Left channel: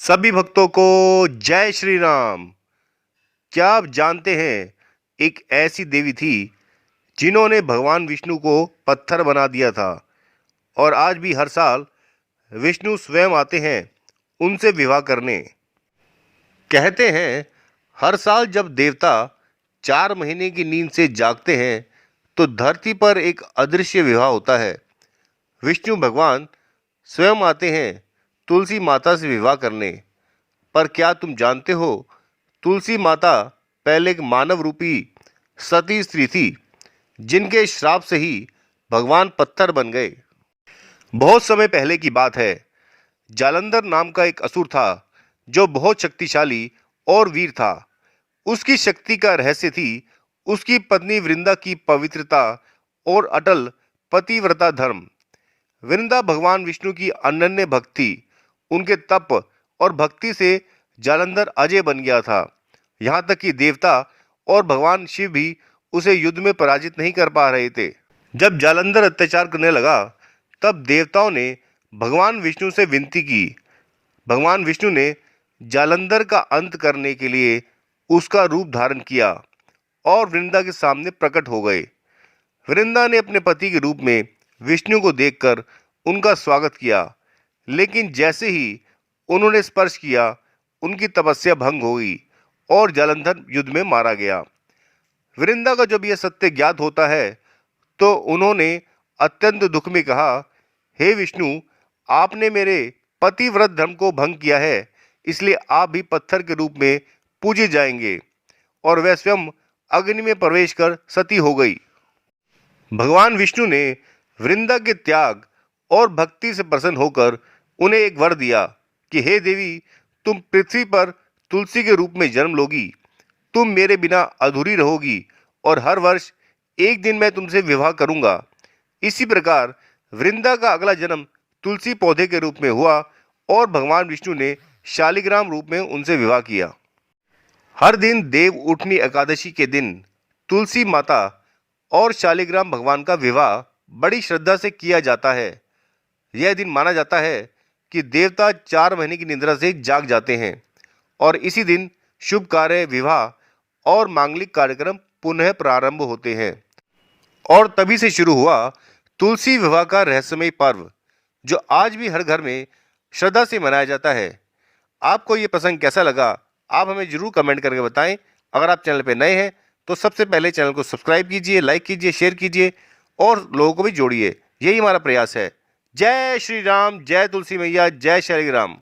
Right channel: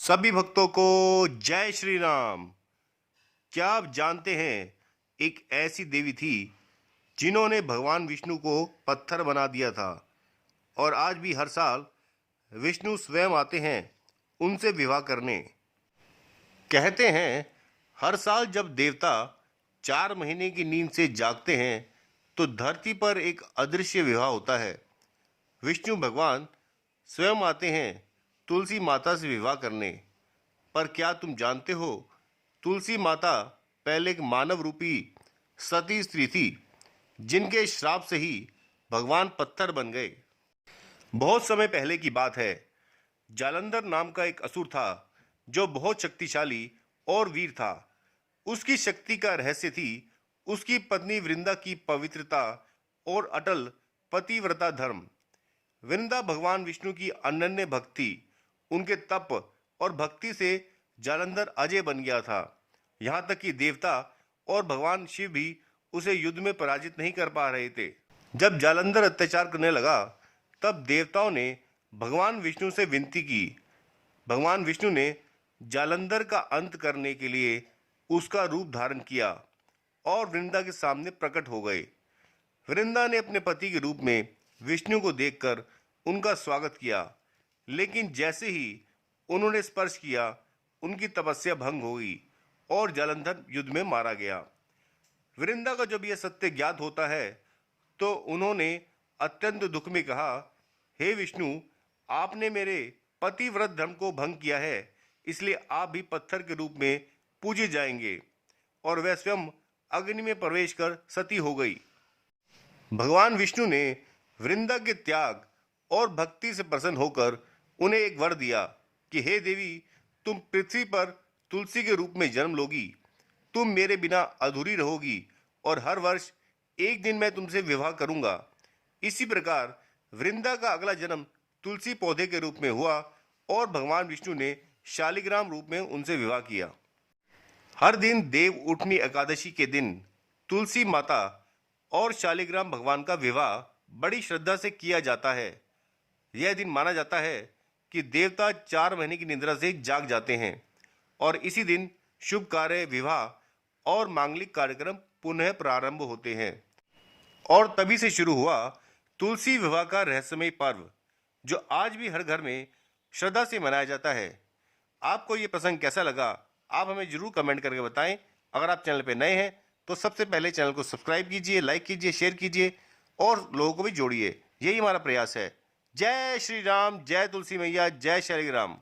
सभी भक्तों को जय श्री राम। क्या आप जानते हैं एक ऐसी देवी थी जिन्होंने भगवान विष्णु को पत्थर बना दिया था और आज भी हर साल विष्णु स्वयं आते हैं उनसे विवाह करने। कहते हैं हर साल जब देवता 4 महीने की नींद से जागते हैं तो धरती पर एक अदृश्य विवाह होता है। विष्णु भगवान स्वयं आते हैं तुलसी माता से विवाह करने। पर क्या तुम जानते हो तुलसी माता पहले एक मानव रूपी सती स्त्री थी जिनके श्राप से ही भगवान पत्थर बन गए। बहुत समय पहले की बात है। जालंधर नाम का एक असुर था जो बहुत शक्तिशाली और वीर था। उसकी शक्ति का रहस्य थी उसकी पत्नी वृंदा की पवित्रता और अटल पतिव्रता धर्म। वृंदा भगवान विष्णु की अनन्य भक्त थी। उनके तप और भक्ति से जालंधर अजय बन गया था। यहाँ तक कि देवता और भगवान शिव भी उसे युद्ध में पराजित नहीं कर पा रहे थे। जब जालंधर अत्याचार करने लगा तब देवताओं ने भगवान विष्णु से विनती की। भगवान विष्णु ने जालंधर का अंत करने के लिए उसका रूप धारण किया और वृंदा के सामने प्रकट हो गए। वृंदा ने अपने पति के रूप में विष्णु को देखकर उनका स्वागत किया, लेकिन जैसे ही उन्होंने स्पर्श किया उनकी तपस्या भंग हो गई और जालंधर युद्ध में मारा गया। वृंदा का जब यह सत्य ज्ञात होता है तो उन्होंने अत्यंत दुख में कहा, हे विष्णु, आपने मेरे पतिव्रत धर्म को भंग किया है, इसलिए आप भी पत्थर के रूप में पूजे जाएंगे। और वह स्वयं अग्नि में प्रवेश कर सती हो गई। भगवान विष्णु ने वृंदा के त्याग और भक्ति से प्रसन्न होकर उन्हें एक वर दिया कि हे देवी, तुम पृथ्वी पर तुलसी के रूप में जन्म लोगी। तुम मेरे बिना अधूरी रहोगी और हर वर्ष एक दिन मैं तुमसे विवाह करूंगा। इसी प्रकार वृंदा का अगला जन्म तुलसी पौधे के रूप में हुआ और भगवान विष्णु ने शालिग्राम रूप में उनसे विवाह किया। हर दिन देव उठनी एकादशी के दिन तुलसी माता और शालिग्राम भगवान का विवाह बड़ी श्रद्धा से किया जाता है। यह दिन माना जाता है कि देवता 4 महीने की निद्रा से जाग जाते हैं और इसी दिन शुभ कार्य, विवाह और मांगलिक कार्यक्रम पुनः प्रारंभ होते हैं। और तभी से शुरू हुआ तुलसी विवाह का रहस्यमय पर्व, जो आज भी हर घर में श्रद्धा से मनाया जाता है। आपको ये प्रसंग कैसा लगा, आप हमें जरूर कमेंट करके बताएं। अगर आप चैनल पर नए हैं तो सबसे पहले चैनल को सब्सक्राइब कीजिए, लाइक कीजिए, शेयर कीजिए और लोगों को भी जोड़िए। यही हमारा प्रयास है। जय श्री राम, जय तुलसी मैया, जय शालिग्राम।